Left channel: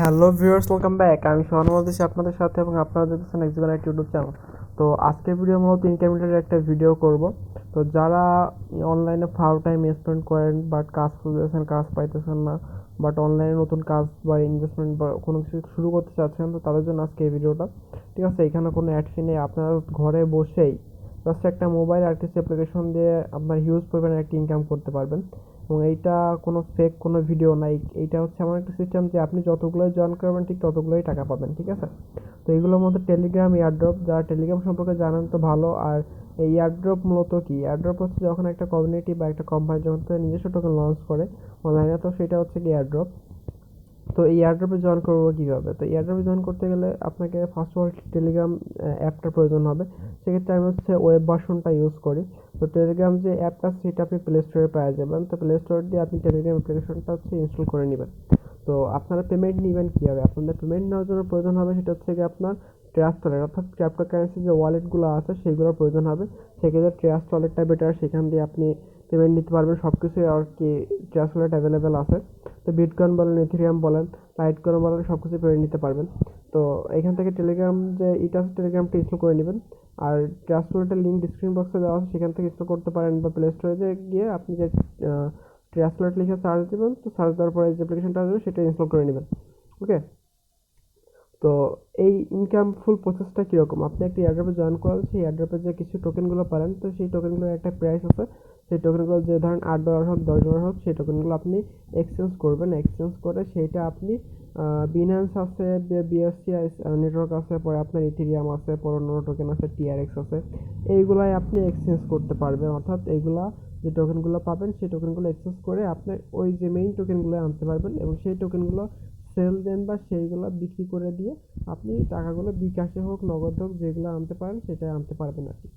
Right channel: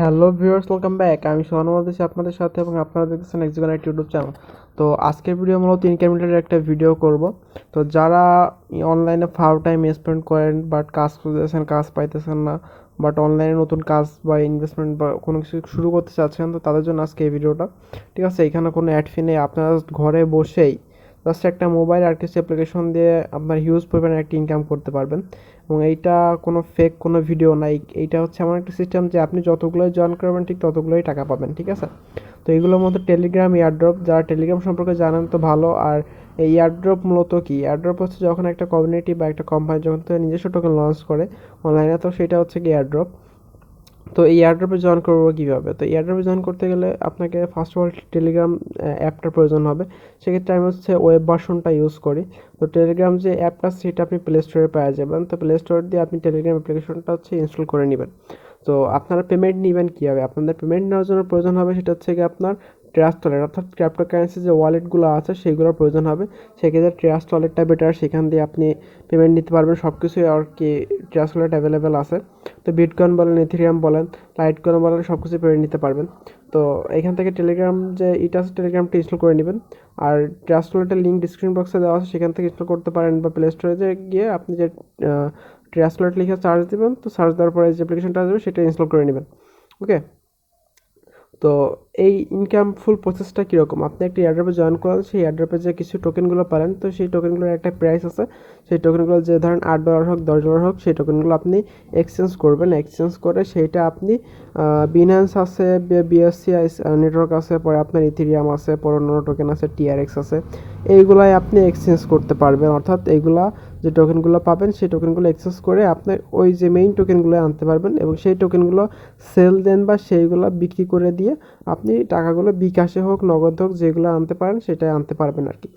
Hello viewers, welcome back. আমি সোহানুল আছি আপনাদের সাথে এবং আপনারা দেখতেছেন এক্সিকানেট ইউটিউব চ্যানেল। তো আজকের ভিডিও মূলত ইনকাম রিলেটেড একটা ভিডিও করব। তো যারা অনলাইনে ফাও টাইম স্পেন্ড করেন বাট কাজ খুঁজতেছেন, কাজ পাইতেছেন না, বাট অনলাইনে নতুন কাজ বা ইনভেস্টমেন্ট বা কোনো কিছু শুরু করতে চাচ্ছেন, তো তাদের জন্য আজকে এই ভিডিওটা। ঠিক আছে, এখানে কোনো অ্যাড ফি নেই, আপনারা ঘরে বসেই জাস্ট একটা মোবাইল আর কিছু অ্যাপ্লিকেশন দিয়ে আপনার হিউজ পরিমাণে একটা ইনকাম করতে পারবেন। এবং এইটা কোনো ফেক কোনো ভিডিও নাই, এইটা হচ্ছে এমন একটা সিস্টেম যে আপনি যতগুলোই জয়েন করবেন ঠিক ততগুলোই টাকা পাবেন। ঠিক আছে, তো এইগুলোর মধ্যে টেলিগ্রাম, এয়ারড্রপ, যারা টেলিগ্রাম সম্পর্কে জানেন তো ভালো। আর এই এয়ারড্রপ মূলত কি, এয়ারড্রপ হচ্ছে যখন একটা কমিউনিটি বা একটা কোম্পানি যখন নিজস্ব টোকেন লঞ্চ করে অনলাইনে, তো সেটা হচ্ছে কি এয়ারড্রপ। তো এই এয়ারড্রপে জয়েন করবো কীভাবে? তো এয়ারড্রপে জয়েন করতে গেলে আপনাকে ফার্স্ট অফ অল টেলিগ্রাম অ্যাপটার প্রয়োজন হবে। সেক্ষেত্রে আমি হচ্ছে ওয়েব ভার্সনটা ইউজ করি। তো টেলিগ্রাম যে অ্যাপটা সেটা আপনি প্লে স্টোরে পাওয়া যাবেন। তো প্লে স্টোর দিয়ে আপনি টেলিগ্রাম অ্যাপ্লিকেশনটা হচ্ছে ইনস্টল করে নেবেন। তো আপনারা পেমেন্ট নেবেন কীভাবে? আপনাদের পেমেন্ট নেওয়ার জন্য প্রয়োজন হবে সেটা হচ্ছে কি আপনার ট্রাস্ট ওয়ালেট, অর্থাৎ ক্রিপ্টোকারেন্সি যে ওয়ালেটগুলো আছে সেগুলোর প্রয়োজন হবে। সেক্ষেত্রে ট্রাস্ট ওয়ালেটটা বেটার, সেখান দিয়ে আপনি পেমেন্ট নিতে পারবেন। সব কিছুই আর কি ট্রাস্ট ওয়ালেট অ্যাভেলেবেল আছে। তো বিটকয়েন বলেন, ইথেরিয়াম বলেন, লাইটকয়েন বলেন, সব কিছু পেমেন্ট নিতে পারবেন। তো এখান থেকে টেলিগ্রাম যে এটা আছে টেলিগ্রামটা ইনস্টল করে নেবেন। আর ট্রাস্ট ওয়ালেটের লিঙ্ক ডিসক্রিপশন বক্সে দেওয়া আছে, সেখান থেকে ইনস্টল করতে পারেন। বা প্লে স্টোরে গিয়ে আপনি যে ট্রাস্ট ওয়ালেট লিখে সার্চ দেবেন, তো সার্চ দেওয়ার পরে যে অ্যাপ্লিকেশনটা আসবে সেটা ইনস্টল করে নেবেন। ওকে, তো এই ইনকাম ফুল প্রসেসটা কীরকম? আপনি একটা এয়ারড্রপে জয়েন করেন, সেই এয়ারড্রপে যে কিছু টোকেনগুলো পারেন, তো সেই টোকেনগুলোর একটা প্রাইস আছে। সেই টোকেনগুলো যে ধরেন $8 হোক, $10 হোক, সেই টোকেনগুলো আপনি এক্সচেঞ্জ করবেন। এক্সচেঞ্জ করে সেইটা আপনি বিনান্স আছে, বিএসসি নেটওয়ার্ক আছে, পরে আপনার ইথেরিয়াম আছে, পরে অন্যান্য টোকেন আছে, টিআরএক্স আছে, এইগুলাই আপনি এক্সচেঞ্জ করতে পারবেন। অর্থাৎ এইগুলা যে টোকেনগুলো পাবেন সেই টোকেনগুলো এক্সচেঞ্জ করে আপনার ওই যে মেইন টোকেনগুলো আনতে পারবেন এবং সেই টোকেনগুলো সেল দেন বা সেইগুলো বিক্রি করে দিয়ে আপনি টাকাগুলো বিকাশে হোক, নগদ হোক, যেগুলো আনতে পারেন সেটাই আনতে পারবেন আর কি।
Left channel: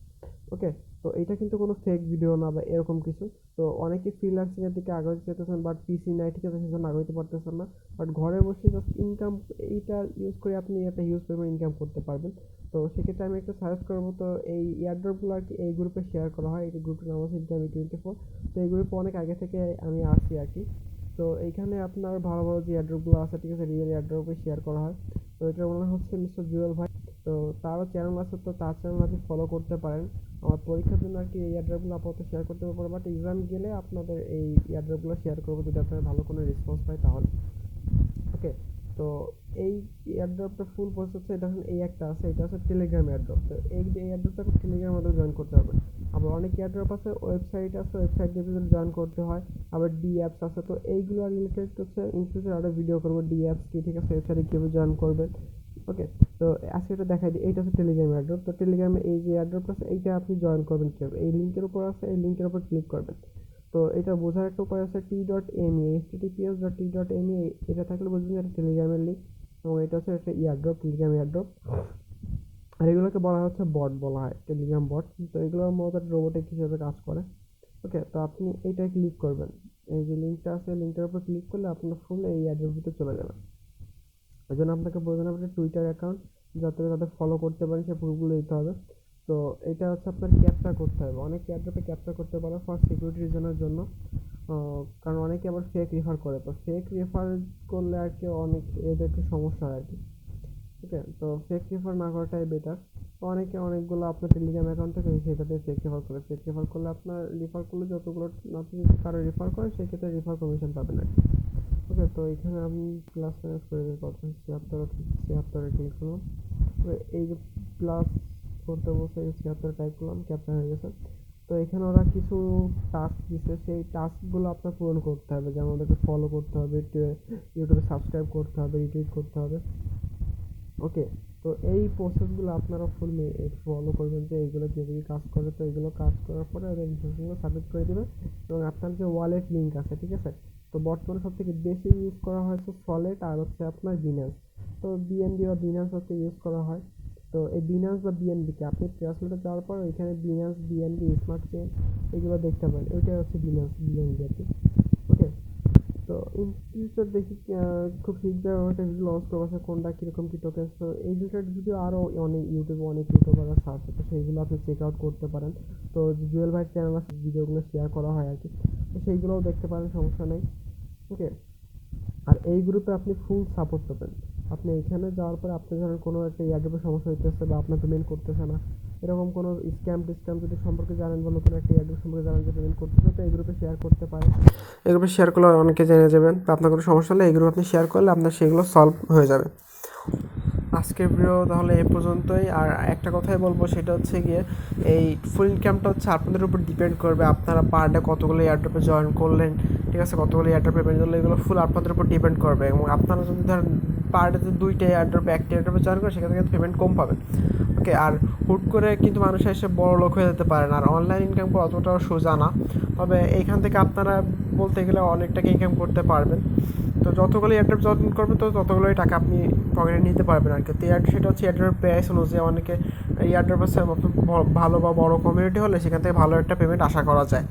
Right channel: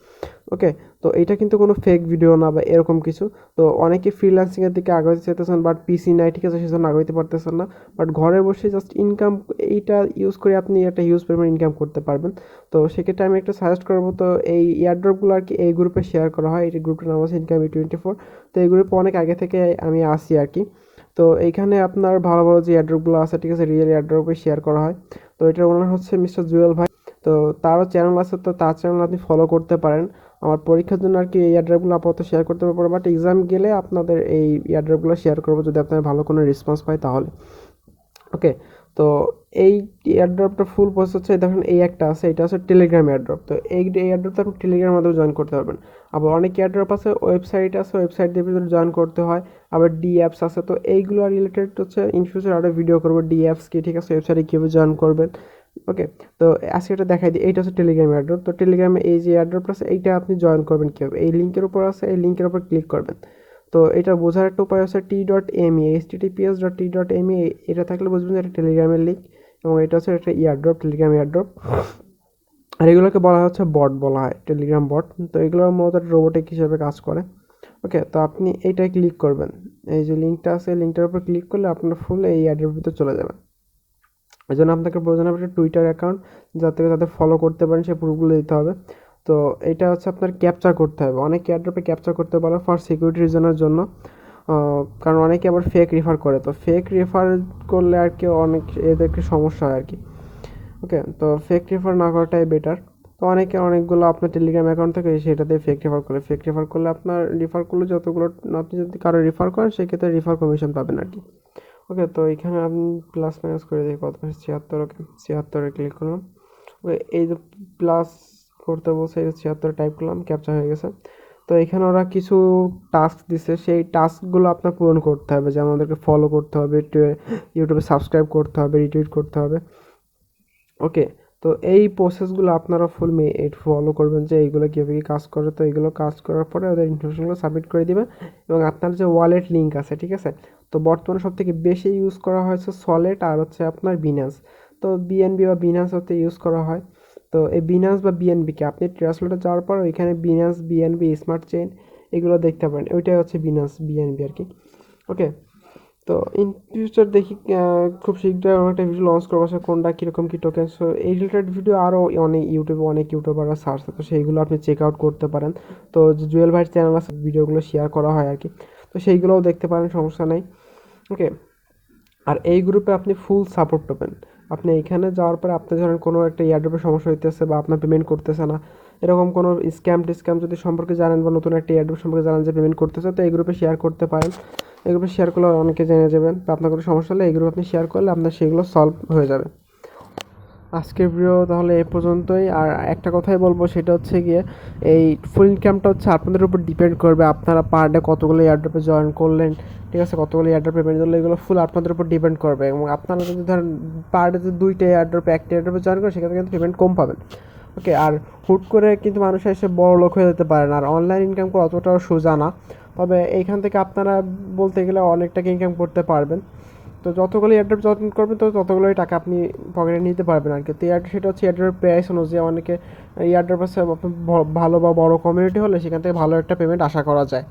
ওকে, তো এইটা কিন্তু কোনো ফেক ভিডিও না বা এরকম কিছু। তো অনেকে ফ্রিল্যান্সিংয়ের দিকে আগাইতে চাইতেছেন বাট পিসি নাই, ঠিক আছে, সেজন্য আগাইতে পারতেছেন না। বাট ঘরে বসে জাস্ট ইনকাম, এইটা ইউজ করে আপনি একটা হিউজ পরিমাণ ইনকাম করতে পারবেন। তো সেক্ষেত্রে আমি একটা সাজেস্ট করবো, তো এই এয়ারড্রপগুলো আর কি এই গ্রুপে শেয়ার করা হয়। এই গ্রুপটার নাম আছে ইনকাম 24। তো এই গ্রুপে অনেক আগে থেকে আমি আসি আর কি। তো এইখানে আপনার ভালো ভালো যে এয়ারড্রপগুলো আছে, ঠিক আছে, রিয়েল এয়ারড্রপে শেয়ার করা হয়। তো এটার ওনার হচ্ছে মিস্টার জুয়েল ভাই। তো তারও চ্যানেল আছে, তো তার চ্যানেল আপনি ফলো করতে পারেন। আমার পরীক্ষার জন্য আর কি এই এয়ারড্রপগুলো আপাতত শেয়ার করতে পারবো, বাট এক্সাম গেলে আপনাদের এই এয়ারড্রপগুলো শেয়ার করবো যদি আপনার ভালো কোনো রেসপন্স পাই তাহলে। ওকে, তো এই এয়ারড্রপটা ফুল প্রসেস হচ্ছে, দেখেন এই একটা আছে, এটা হচ্ছে টেলিগ্রাম এয়ারড্রপ। তো এই এয়ারড্রপটা আপনি টেলিগ্রামের মাধ্যমে জয়েন করতে পারবেন। আবার অনেক এয়ারড্রপ আছে, ওয়েবসাইট আছে, ওয়েবসাইট দিয়ে ভিতরে জয়েন করতে হয়। আবার ডি অ্যাপস আছে, তো এইগুলো রিলেটেড হচ্ছে ইন ফিউচার আরও ভিডিও করবো ডি অ্যাপস কি, ঠিক আছে, ওয়েবসাইটে কীভাবে জয়েন করবেন। ওকে, তো আজকে এটা দেখাই দিই। এইটা হচ্ছে টেলিগ্রাম এয়ারড্রপ। তো টেলিগ্রামে এই যে এয়ারড্রপটা আছে এইটা আপনি জয়েন করবেন কীভাবে? এই লিঙ্কের উপর আছে, এই লিঙ্কের উপর ক্লিক করবেন। তো এটা বোঝার একটা উপায় আছে t.me, https.t.me, এটা থাকলে বুঝবেন যে এটা টেলিগ্রামের লিঙ্ক এবং এটা হচ্ছে একটা এয়ারড্রপ, টেলিগ্রাম এয়ারড্রপ। আর এগুলোকে বলা হচ্ছে বট, বলা হয় টেলিগ্রাম বট। তো এগুলোর মতো রোবোটিক হিসেবে কাজ করে। ওকে, তো আপনি এইটাই ক্লিক করবেন। এই যে লিঙ্কটা আছে, লিঙ্কটার উপর ক্লিক করলে আপনার ফুল এই অ্যাডের ভিতরে চলে যাবেন। এই জন্য আপনাকে প্রয়োজন হবে একটা টুইটার অ্যাকাউন্ট, যাতে তাদের ফলো করতে পারেন, সেই প্রুফগুলো দিতে হবে। তো এটা হচ্ছে আপনার ক্যাপচার করতে হবে। অনেক এয়ারড্রপে ক্যাপচার করতে পারে ফর সিকিউরিটি রিজনের জন্য, কারণ অনেকে আবার ফেক রেফার করে। তো ফেক রেফার করলে আর কি অনেক এদেরকে সমস্যা হয় আর কি। ওকে, তো ফেক রেফার না করাটাই বেটার। তো অনেকে অনেকগুলো আপনার টেলিগ্রাম অ্যাকাউন্ট থেকে সেটাতে ফেক রেফার করে। ফেক রেফার করলে আপনার রেফার করলে যতগুলো আপনি যদি কারো রেফার করেন সেক্ষেত্রে রেফার কমিশন পাবেন আর কি। ওকে, তো এখানে আমি প্লাস মাইনাস করে দিই কত, 76। ওকে, 76-এ ক্লিক করলাম। ওকে, এই যে প্লাস করতে বলছে, এই 76 টাইপ করলাম, ক্যাপচা হয়ে গেছে। তো এখানে ওরা কিছু টাস্ক দিছে, সেই টাস্কগুলো আপনার পূরণ করতে হবে। যেমন আমাদেরকে ফলো করতে হবে, ইউটিউবে সাবস্ক্রাইব করতে হবে, রিটুইট করতে হবে। ওকে, তো এই প্রসেসগুলো আপনারা ফুল ফলো করবেন যে এইগুলো কীভাবে কী কাজ করে। তো এইগুলো কাজ করার পরে ওদের ইনফরমেশনগুলো সাবমিট করে দিবেন এবং আপনার যে ওয়ালেট লিঙ্ক আছে, ঠিক আছে, তো বর্তমানে সবথেকে বেশি ইউজ করা হয়েছে সলেট আর হচ্ছে আপনার বিনান্স। তো বিএনবি বা বিনান্স হতে ইউজ করা হয়। তো এই বিনান্স বা বিএনবিকে আপনি ট্রান্সলেটে যাওয়ার পর ওইখানে বিনান্স, বিএনবি, স্মার্ট চেইন এগুলো দেখতে পারেন, ওইটাই হচ্ছে বিনান্স, বিএনবি আর কি। ওকে, তো ইন ফিউচার দেখি খুব শীঘ্রই আমরা একটা ভিডিও লঞ্চ করবো, আসলে কোনটা কীরকম কী টোকেন। সো এই রিলেটেড ভিডিও আরও অনেক ইউটিউবে অনেক ইউটিউবাররা সার্চ, তো সেইগুলো আপনি চেক আউট করতে পারেন। তো জুয়েল ভাইয়ের চ্যানেল আছে, ভিডিওগুলো শেয়ার করা হয় আর কি, তো সেইগুলোও দেখতে পারেন, সমস্যা নেই। ওকে, আর এই গ্রুপে আপনি ফুল সাপোর্ট পাবেন। আপনি এইখানে যাওয়ার পরে আপনি ধরেন কোনো একটা এয়ারড্রপের সমস্যা হইতেছে বা আপনার পেমেন্ট করতেছে না, এরকম কোনো স্ক্যাম যদি সম্পর্কে জানেন বা নতুন একটা এয়ারড্রপ সম্পর্কে জানেন যে পেমেন্ট করতেছে, তো এই গ্রুপে শেয়ার করতে পারেন। এই গ্রুপে শেয়ার করলে অনেকে জেনে যাবেন বা আপনার কোনো সমস্যা হলে এই গ্রুপে আপনি শেয়ার করলে আপনার সেগুলো সলভ হয়ে যাবে। আজকের ভিডিও তাহলে এই পর্যন্তই। আর একটা কথাই বলবো, সেটা হচ্ছে গিয়ে এই ফুল ইনকামটা হচ্ছে আপনাদের উপর ডিপেন্ড করবে, আপনারা পার ডে কতগুলো এয়ারড্রপে জয়েন করলেন, ঠিক আছে, কতগুলো এয়ারড্রপে পেমেন্ট করলে, এগুলো ফুল আপনাদের উপর ডিপেন্ড করবে। এবং আপনারা যদি ধরেন পার ডেতে 2টা এয়ারড্রপে 1টা এয়ারড্রপে জয়েন করেন, সেখানে কিন্তু পেমেন্ট কম পাবেন। ওকে, আর হুট করে কিন্তু মানুষ এসে বড় লোক হয়ে যেতে পারে না। আর অনলাইন ইনকাম করা অতটাও সোজা না, তবে এইখান থেকে আপনারা বলতে গেলে অনেক টাকা ইনকাম করতে পারবেন। তো যতগুলো এয়ারড্রপ যত্ন করবেন তো ততগুলোই টাকা আপনি পকেটে নিতে পারবেন আর কি। তো সেটা হচ্ছে এয়ারড্রপের প্রাইস অনুযায়ী। অনেকে এয়ারড্রপ আছে ভালো বা বড় কমিউনিটি হলে সেখান থেকে ভালো একটা পেমেন্ট আশা করা যায়।